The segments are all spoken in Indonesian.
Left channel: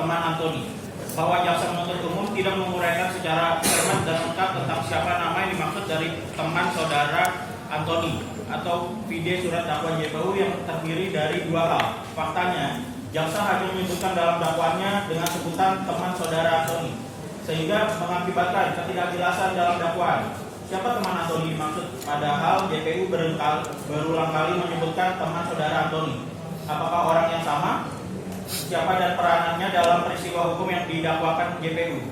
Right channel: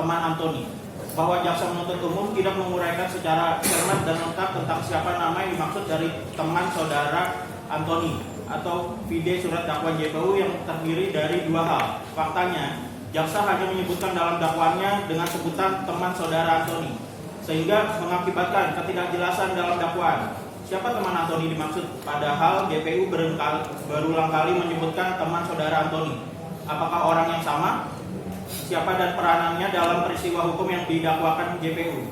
teman Antoni, bahwa jaksa penuntut umum tidak menguraikan secara cermat dan lengkap tentang siapa nama yang dimaksud dari teman saudara Antoni atau vide surat dakwaan JPU yang terdiri dari dua hal. Faktanya, jaksa hanya menyebutkan dalam dakwaannya dengan sebutan teman saudara Antoni, sehingga mengakibatkan ketidakjelasan dalam dakwaan. Siapa teman Antoni dimaksud? Padahal JPU berulang kali menyebutkan teman saudara Antoni. Apakah orang yang sama? Siapa dan peranannya dalam peristiwa hukum yang didakwakan JPU?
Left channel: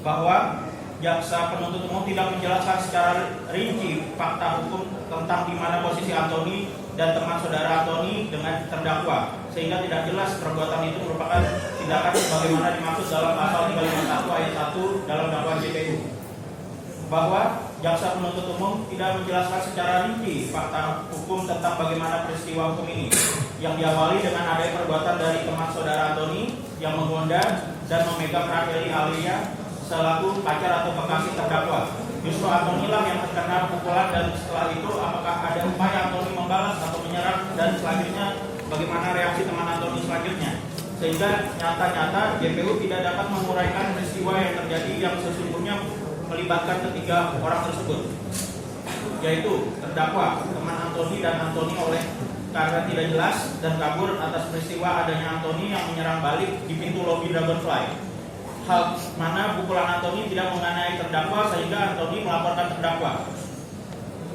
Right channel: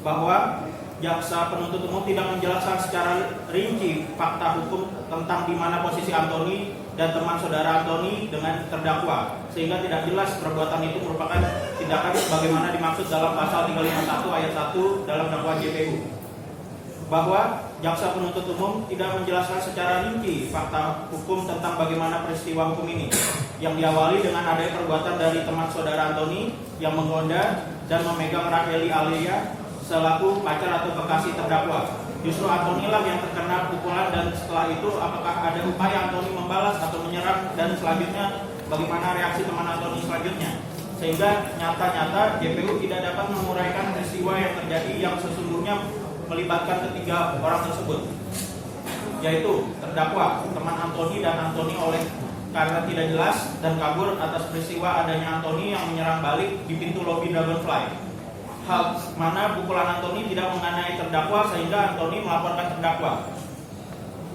Bahwa jaksa penuntut umum tidak menjelaskan secara rinci fakta hukum tentang di mana posisi Antoni dan teman saudara Antoni dengan terdakwa, sehingga tidak jelas perbuatan itu merupakan tindakan sebagaimana dimaksud dalam pasal 351 ayat 1 dalam dakwaan JPU. Bahwa jaksa penuntut umum tidak menjelaskan secara rinci fakta hukum tentang bagaimana peristiwa hukum ini, yang diawali dengan adanya perbuatan dari teman saudara Antoni yang menggoda dan memegang Raheli Alia selaku pacar atau kekasih terdakwa. Justru Antoni lah yang terkena pukulan, dan setelah itu apakah ada upaya Antoni membalas atau menyerang, dan selanjutnya bagaimana reaksi teman Antoni selanjutnya. Sehingga nyata-nyata JPU tidak dapat menguraikan peristiwa yang terjadi yang sesungguhnya melibatkan ketiga orang tersebut, yaitu terdakwa, teman Antoni dan Antoni oleh karena tidak jelas dan kabur atas peristiwa adanya Antoni yang menyerang balik di pintu lobi Dragonfly. Hal mana pukulan Antoni tidak mengenai terdakwa sehingga Antoni melaporkan terdakwa.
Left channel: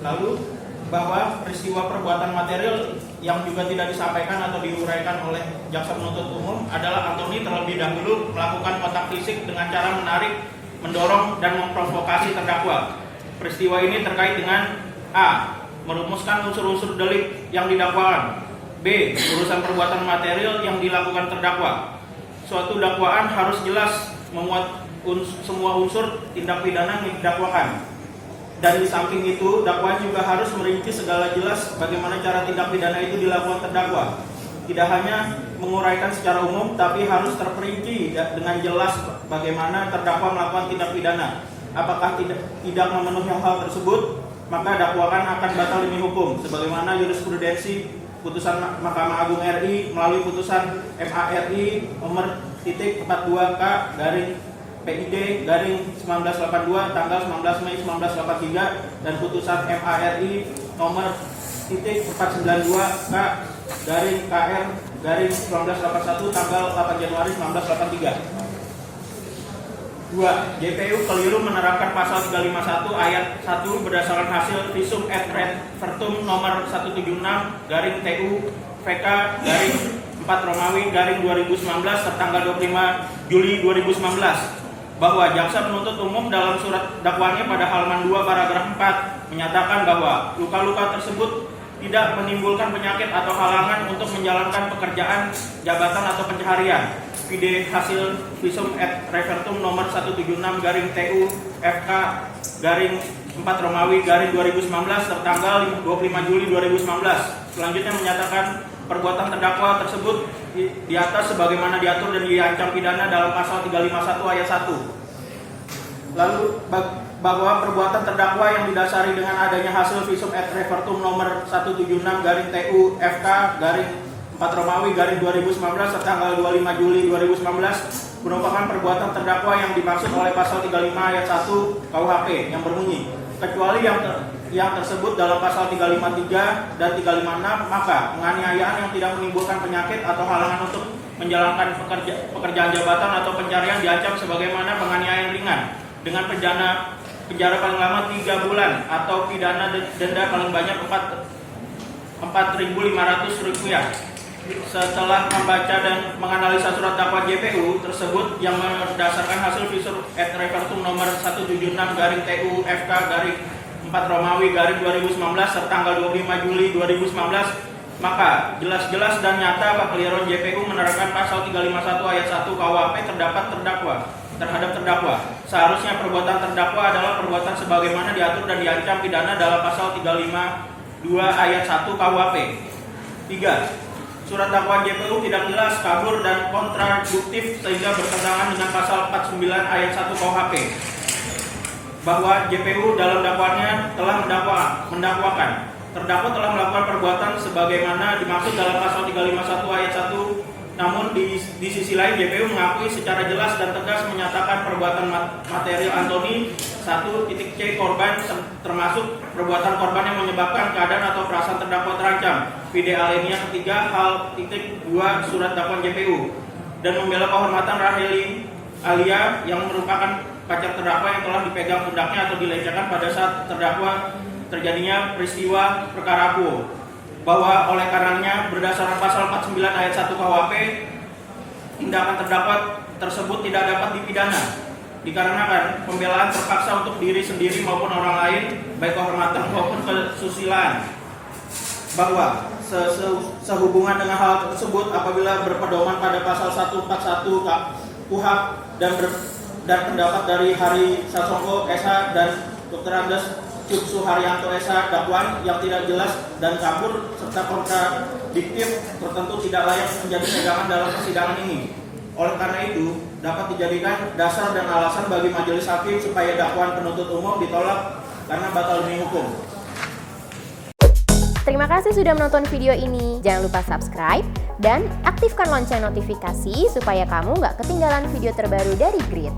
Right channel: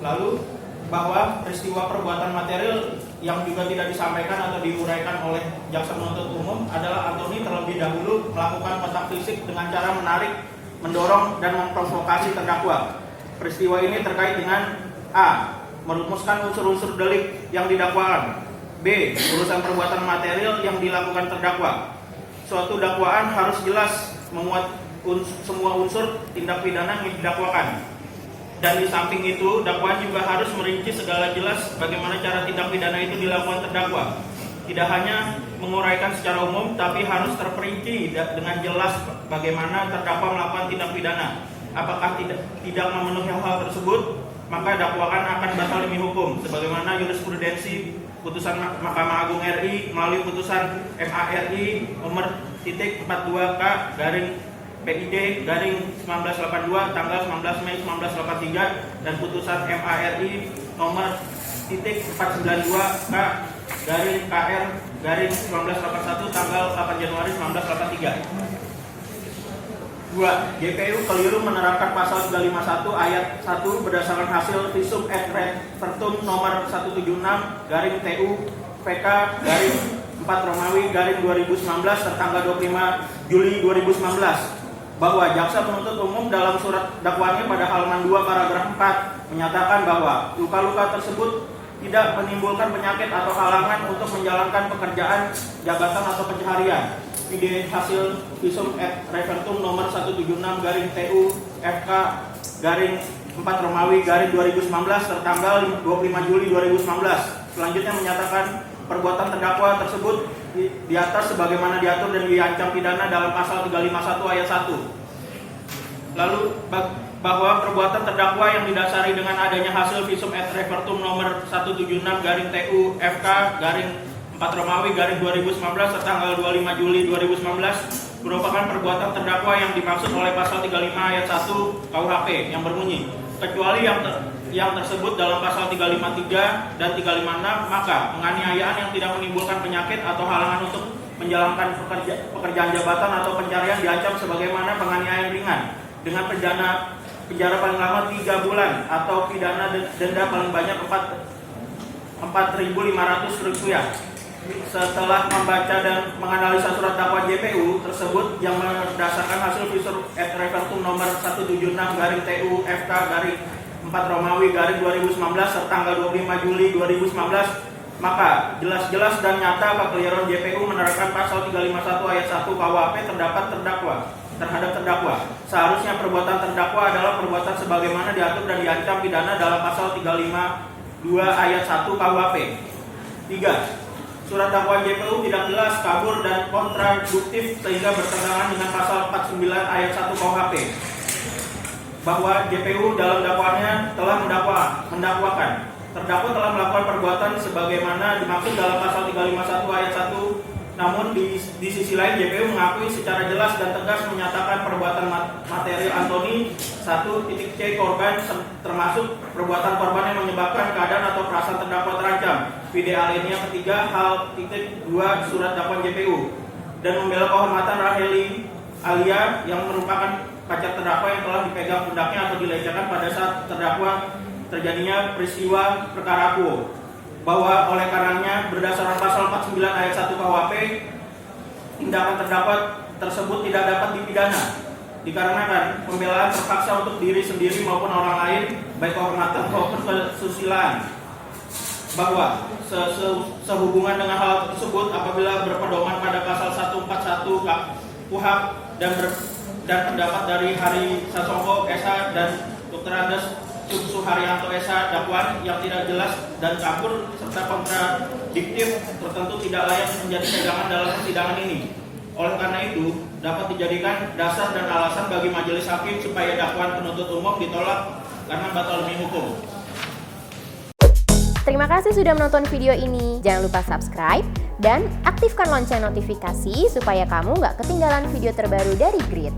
Lalu bahwa peristiwa perbuatan material yang juga tidak disampaikan atau diuraikan oleh jaksa penuntut umum adalah Antoni terlebih dahulu melakukan kontak fisik dengan cara menarik, mendorong dan memprovokasi terdakwa. Peristiwa ini terkait dengan A. Merumuskan unsur-unsur delik yang didakwakan. B. Urusan perbuatan material yang dilakukan terdakwa. Suatu dakwaan harus jelas memuat semua unsur tindak pidana yang didakwakan. Dan di samping itu, dakwaan juga harus merinci segala jelas bagaimana cara tindak pidana itu dilakukan terdakwa. Tidak hanya menguraikan secara umum, tapi harus terperinci dengan jelas bagaimana terdakwa melakukan tindak pidana. Apakah tidak memenuhi hal tersebut, maka dakwaan akan batal demi hukum, sebagaimana jurisprudensi putusan Mahkamah Agung RI melalui putusan MARI nomor 42K garing PID garing 1982 tanggal 19 Mei 1983 dan putusan MARI nomor 492K garing KR garing 1981 tanggal 8 Januari 1983. 2. JPU keliru menerapkan pasal 351 ayat 1 berdasarkan hasil visum et repertum nomor 176 garing TU VK garing 4 Romawi garing 2019 tertanggal 25 Juli 2019, bahwa jaksa penuntut umum dalam surat dakwaannya pada halaman 2 paragraf 4 menyatakan bahwa luka-luka tersebut tidak menimbulkan penyakit atau halangan untuk menjalankan pekerjaan, jabatan atau pencaharian. Vide hasil visum et repertum nomor 176 garing TU FK garing 4 Romawi garing 2019 tertanggal 25 Juli 2019. Selanjutnya menyatakan perbuatan terdakwa tersebut di atas sebagaimana diatur dan diancam pidana dalam pasal 351 ayat 1. Lalu bahwa perbuatan terdakwa yang didasari dengan adanya hasil visum et repertum nomor 176 garing TU FK garing 4 Romawi garing 2019 tertanggal 25 Juli 2019 merupakan perbuatan terdakwa yang dimaksud oleh pasal 35 ayat 1 KUHP yang berbunyi kecuali yang tersebut dalam pasal 353 dan 356, maka penganiayaan yang tidak menimbulkan penyakit atau halangan untuk menjalankan pekerjaan jabatan atau pencarian diancam sebagaimana penganiayaan ringan dengan penjara paling lama 3 bulan atau pidana denda paling banyak 4.500 rupiah. Setelah membaca dan menganalisa surat dakwaan JPU tersebut yang berdasarkan hasil visum et repertum nomor 176 garing TU FK garing 4 Romawi garing 2019 tertanggal 25 Juli 2019, maka jelas-jelas dan nyata kekeliruan JPU menerapkan pasal 351 ayat 1 KUHP terhadap terdakwa. Seharusnya perbuatan terdakwa adalah perbuatan sebagaimana diatur dan diancam pidana dalam pasal 352 ayat 1 KUHP. 3. Surat dakwaan JPU tidak jelas, kabur dan kontradiktif sehingga bertentangan dengan pasal 49 ayat 1 KUHP. Bahwa JPU dalam dakwaannya telah mendakwakan terdakwa telah melakukan perbuatan sebagaimana dimaksud dalam pasal 351 ayat 1 Namun di sisi lain JPU mengakui secara jelas dan tegas menyatakan perbuatan material Anthony 1.c korban termasuk perbuatan korban yang menyebabkan keadaan atau perasaan terdakwa terancam. Vide alinea ketiga hal titik 2 surat dakwaan JPU dan membela kehormatan Raheli Alia yang merupakan pacar terdakwa yang telah dipegang pundaknya atau dilecehkan pada saat terdakwa terjadinya peristiwa perkara Akuo. Bahwa oleh karenanya berdasarkan pasal 49 ayat 1 KUHP tindakan terdakwa tersebut tidak dapat dipidana dikarenakan pembelaan terpaksa untuk diri sendiri maupun orang lain baik kehormatan maupun kesusilaan. Bahwa sehubungan dengan hal tersebut apabila berpedoman pada pasal 141 KUHP dan pendapat dari Hari Sasongko SH dan Dr. Andes Cuk Suharyanto SH dakwaan yang tidak jelas dan kabur serta kontradiktif tertentu tidak layak menjadi pegangan dalam persidangan ini. Oleh karena itu, dapat dijadikan dasar dan alasan bagi majelis hakim supaya dakwaan penuntut umum ditolak karena batal demi hukum. Terima kasih sudah menonton video ini. Jangan lupa subscribe dan aktifkan lonceng notifikasi supaya kamu nggak ketinggalan video terbaru dari Grid.